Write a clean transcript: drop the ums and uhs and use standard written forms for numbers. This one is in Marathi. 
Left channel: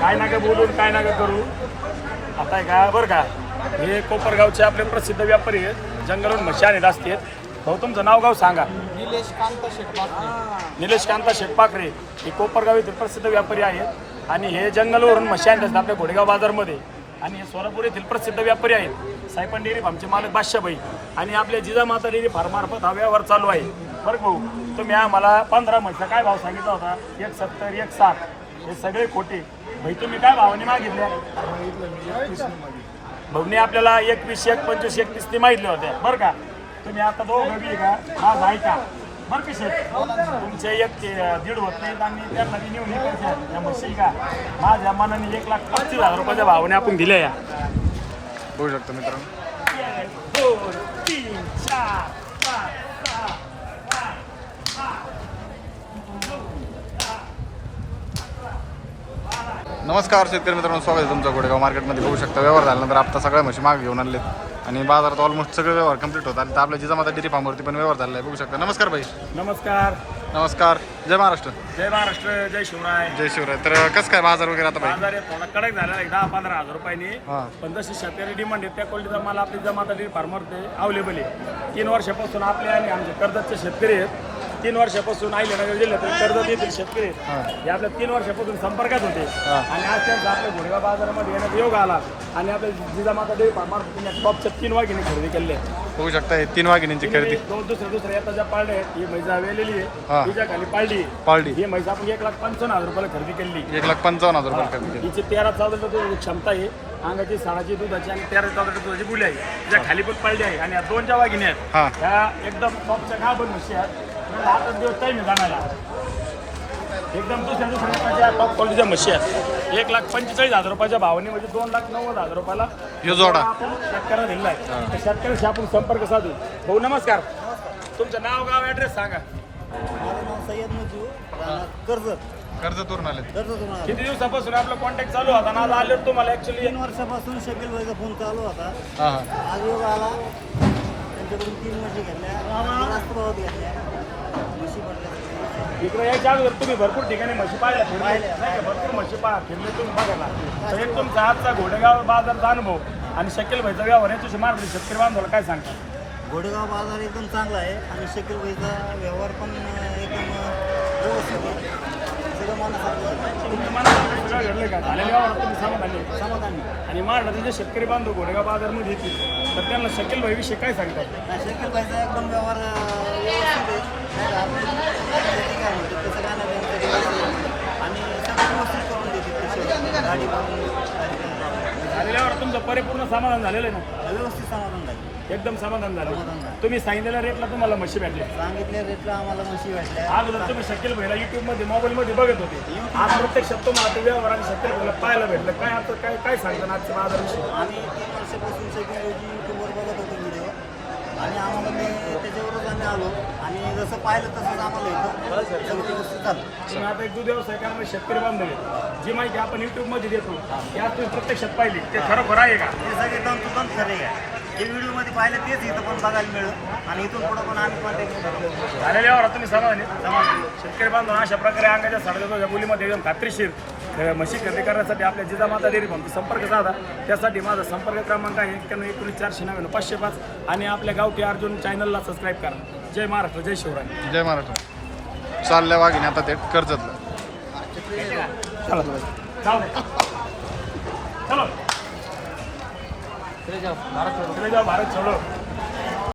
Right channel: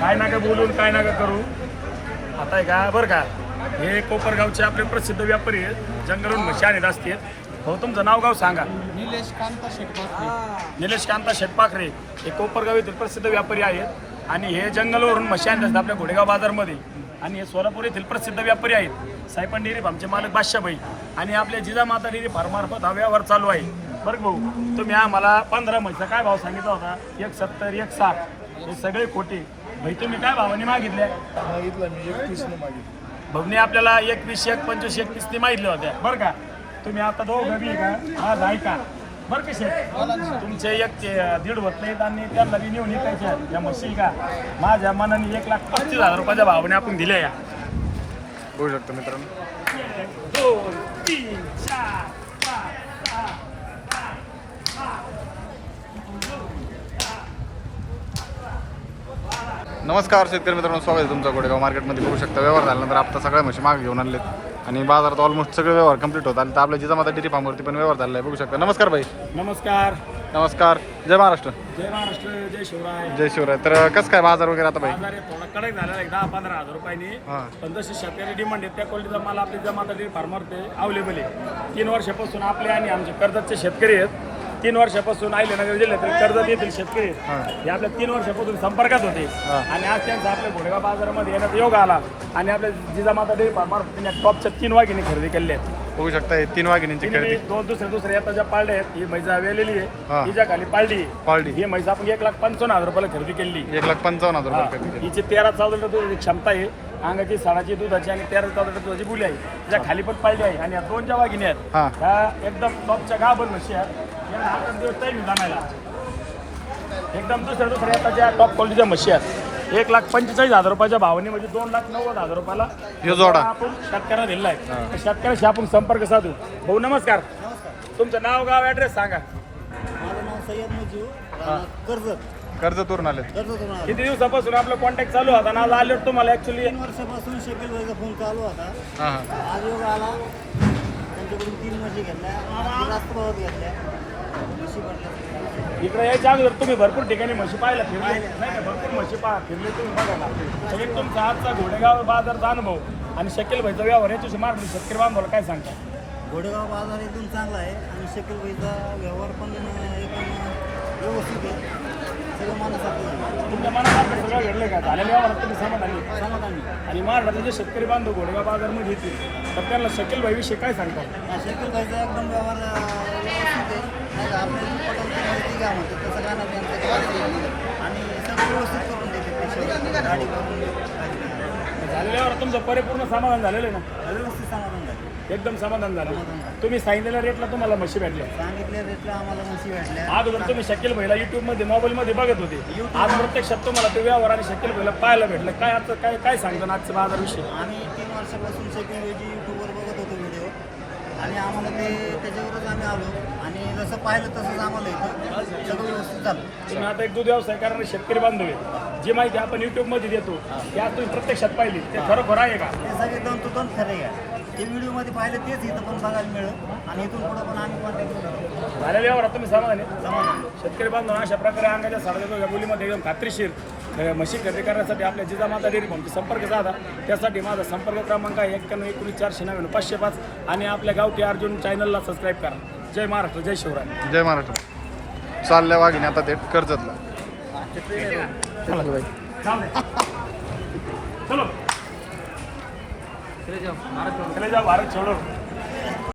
काय नका बोलून काय नका करू. आता आहे का बरं का, हे कोपरगावचे आपले प्रसिद्ध व्यापारी आहेत, जंगलून म्हशी आणत असतात. हो, तुमचं नाव गाव सांगा. निलेश कांत शेटपाखरे. निलेश कांता शेटपाखरे हे कोपरगाव येथील प्रसिद्ध व्यापारी आहेत आणि हे जंगलवरून म्हशी आणत असतात आपल्या घोडेगाव बाजारमध्ये. आणि हे सोलापूर येथील प्रसिद्ध व्यापारी आहेत सायपन डेअरी फार्मचे मालक बादशाहभाई आणि आपल्या जिजामाता डेअरी फार्मार्फत हा व्यवहार चालू आहे. बरं भाऊ, तुम्ही आम्हाला 15 म्हशीचा काय भाव सांगितला होता? 170 160 हे सगळे खोटे. भाई तुम्ही काय भावाने मागितल्या? मागितलं मी 21 मागितलं. भाऊने आपल्याला 21 25 31 ते मागितल्या होत्या. बरं का, तुम्ही आता दोघं बी का आज ऐका बरं का शेठ, तुमचे 1 ते 1.5 होत नाहीत आणि त्यांना बी नेऊन ऐकायच्या या म्हशी का माझ्या मनाने 1,35,000 रुपयाच्या भावाने आपण दिल्या. या बघू शकता मित्रांनो. 1 2 3 4 5 6 नमस्कार शेतकरी मित्रांनो, स्वागत आहे तुमचं घोडेगाव मार्केटमध्ये. बघू शकता व्यवहार झाल्यानंतर आता सगळ्या म्हशी मागे घेऊन आणलेत आणि बाजारात ऑलमोस्ट सगळे व्यवहार कंप्लीट होत आले. तर आपल्या जिजामाता डेअरी फार्मवरती पण व्यवहार झाला आहे. बघू शकता. नमस्कार भाई. नमस्कार. नमस्कार. जय महाराष्ट्र. जय महाराष्ट्र. जय शिवराय. जय शिवराय. तर कसं काय बाजार वगैरे आता भाई? बाजार आहे थोडा कडक झालेला आहे 10-15 हजार रुपयांनी. हां. पण जशी शेतकरी डिमांड आहे त्या क्वालिटीचा माल आपली जिजामाता डेअरी फार्मवरती अवेलेबल आहे. 3 वर्षापासून आपले आणि आमचे कर्जतचे शेतकरी आहेत. 3 वर्षापासून अहिल्यानगर जिल्ह्यातील कर्जत येथील शेतकरी आहेत. हे आपल्या 3 वर्षापासून संपर्कात होते आणि आज त्यांचा आपल्या घोडेगाव बाजारामध्ये येण्याचा योग आला आणि आपल्या जिजामाता डेअरी फार्मवरती टॉपच्या 3 वाघिणी खरेदी केल्या आहेत. बघू शकता हे 3 वाघिणींची खरेदी. दोन दुसरे आता ज्या पाळले आहेत ही म्हैस वेलेली हा. आहे, तिच्या खाली पाळली पाळली ही म्हैस आपण 1,55,000 रुपयाला खरेदी केली. 1,55,000 रुपये खरेदी केली. हिची 13-14 लिटर क्षमता आहे, अंगाची 16ची दुधाची आणि 13-14 लिटर दुधाची बुली आहे. ज्या खाली पण पाळली आहे आणि या 2 ज्या वाघिणी आहेत हां. ह्या एकदम टॉपच्या गाभण म्हशी आहेत. यांना 8 दिवस टाईम जाणायला एकदम दुसऱ्या टॉप क्वालिटीच्या म्हशी आहेत. 1,45,000 रुपयाच्या भावाने म्हणजे 2,90,000 रुपयाला ह्यो जोडा आपण शेतकऱ्याला दिलेला आहे. हां. त्या शेतकऱ्याशी आपण संपर्क साधू. भाऊ नमस्कार. तुमचं नाव गाव ॲड्रेस सांगा. माझं नाव सय्यद मुजीव, कर्जतवरून आलेत. कर्जतून आलो. किती दिवसापासून आपला कॉन्टॅक्ट चालू होता ना? आले तुम्हाला ऍक्च्युली 3 वर्षापासून शकील भाईचा फोन चालू होता. हां हां. आज योग आला, त्यांच्याकडून 3 म्हशी घेतल्या, जास्त भावात घेतल्या म्हशी पडल्या. इकडे यायच्या अगोदर तुम्ही भरपूर ठिकाणी म्हशी पाहायला फिरले नाही का? भरपूर म्हशी फिरले तुम्ही बघायला. तर एक तुमचा आजचा घोडेगाव बाजारचा अनुभव आणि शकील भाईचा व्यवहार याच्याशी मार्गदर्शन शेतकरी बांधवाला काय सांगता? घोडेगाव बाजार एकदम चांगला आहे आणि शकील भाईचा व्यवहार पण एकदम व्यवस्थित आहे. सगळं मनासारखं आहे. तुमच्या मनासारखं सगळं घडलं का? झालेल्या व्यवहारात तुम्ही समाधानी समाधानी. आणि महाराष्ट्राचे जे शेतकरी बांधव घोडेगाव बाजारमध्ये येतील तर त्यांना शकील भाईविषयी काय सांगतात? नाही, शकील भाईचा एकदम व्यवहार व्यवस्थित आहे. नाही का आपली काय म्हणतो तसं काय नाही त्यांचं आणि सगळं व्यवस्थित करून देते ते शेवटी गाडी झालेल्या व्यवहारात तुमचं परिपूर्ण समाधान झालेलं आहे ना? व्यवस्थित समाधान झालं. एकदम समाधान झालं. समाधान झालं. तुम्ही सांगितलेल्या रेटला तुम्हाला म्हशी भेटल्या. सांगितल्या रेटला आम्हाला म्हशी भेटल्या. अगोदर तुम्ही शकील भाईला युट्यूबमध्ये मोबाईलमध्ये बघत होते, आज प्रत्यक्षात तुम्हाला ते व्यवहार आणि शकील भाईला पाहायला भेटलं. काय आता काय सांगता आजचा बाजाराविषयी? आम्ही 3 वर्षापासून शकील भाईची यूट्यूबवर बघत होतो व्हिडिओ आणि आम्हाला ते त्याच्यावरच आम्ही आलो आणि जसं पाहिलं तसंच आम्हाला इथं सगळं व्यवस्थित झालं. तुम्ही आता एक दूध व्यवसाय करणारे शेतकरी बांधव आहे, जी माहिती आपण युट्यूबमध्ये देतो ती आज तुम्ही प्रत्यक्षात पाहिली ते खरोखर आहे का? ते सगळे तंतोतंत खरे आहे. जे व्हिडिओमध्ये पाहिलं तेच इथं पण बघायला मिळेल आणि इथून पुढं पण आम्ही कॉन्टॅक्टमध्ये राहू. झालेल्या व्यवहारात तुम्ही समाधानी? शेतकरी बांधव अशा प्रकारे अंगाच्या साडेच्या बोलीमध्ये एकदम खात्रीशीर म्हशी खरेदी करण्यासाठी आपल्या जिजामाता डेअरी फार्मचा संपर्क साधा. त्यासाठी माझा संपर्क क्रमांक आहे 91-19-499-505 आणि आपल्या गावठी अर्जुन चॅनलला सबस्क्राईब करा. जय महाराष्ट्र. जय शिवराय. जय महाराष्ट्र. चालल्या वाघिणी आता ते कर्जतला. चला चलो चले जाओ भारत छोडो.